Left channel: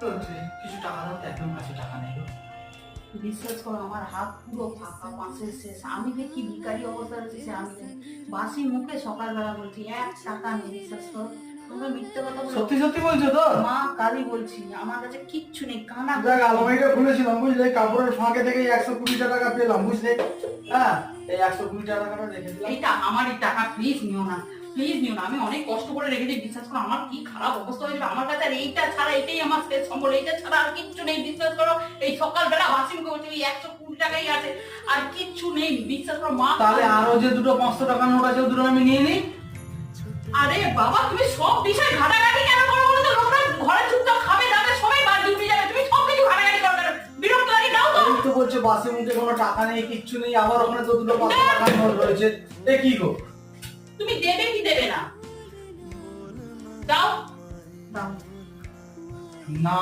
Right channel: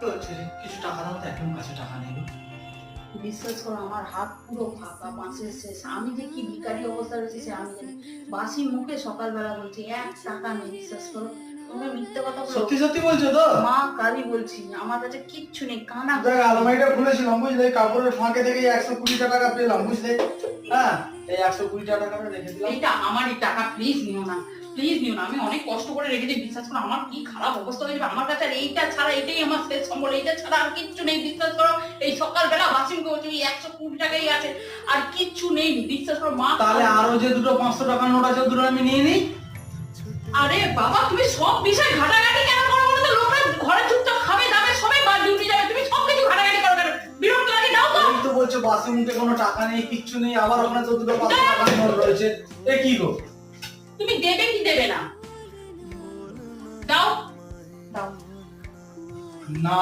তো কিছু টাকা দাও তো, একদম কাছে টাকা নেই গো। বিশ্বাস করো আমার হাত পুরো ফাঁকা, মাসের শেষ, আমি যে কি ভিখারি অবস্থা রয়েছে সে আমি জানি। বাসি মুখে সকালবেলা বলছি 1 টাকা নেই, বিশ্বাস করো। তোমরা মিথ্যে কথা বলো। সত্যি সত্যি বলছো তো? মা কালী বলছি, আমার কাছে কিচ্ছু নেই, কানা দেখ, আলমারিটা খুলেছিলাম বুঝলে, কাপড়ের ফাঁকে থেকে 120 টাকা পেলাম বুঝলে। হ্যাঁ, এই 120 টাকাটা রেখে দিলাম। এইটা আমারই টাকা, প্লিজ নিও না, প্লিজ নিও না। আমি অনেক কষ্ট করে রেখেছি, বিশ্বাস করো। আমার কি খারাপ অবস্থা হয়ে যাবে আমার কাছে, আর এইটা ছাড়া, এটাই আমার শেষ সম্বল, এইটা ছাড়া আর কিচ্ছু নেই, বিশ্বাস করো। এই সকালবেলা বাসি মুখে বলছি ওই 120 টাকাই আছে, আর কিচ্ছু নেই, বিশ্বাস করো মা। তাহলে আরো যে দুটো 500 টাকা নোট আছে, ও দুটো আমি নিয়ে নিই। আরে বাবা, তুমি সব বিষয় ঘাটাঘাটি কেন করো বলো তো? লোকরা ঘরে চুপচাপ খাবে দাবে, সবাই বা ডিউটি যাবে, তুমি সব কিছু ঘাটাঘাটি করো কেন? বিরক্ত লাগে, দাও তো। এই তো বলছো বাসি মুখে কোনো টাকা নেই, কিচ্ছু নেই, আবার ওখানে তো দুটো 500 টাকার নোট রয়েছে। এ কি গো? তুমি দেবে কি দেবে না? দাও দাও। না।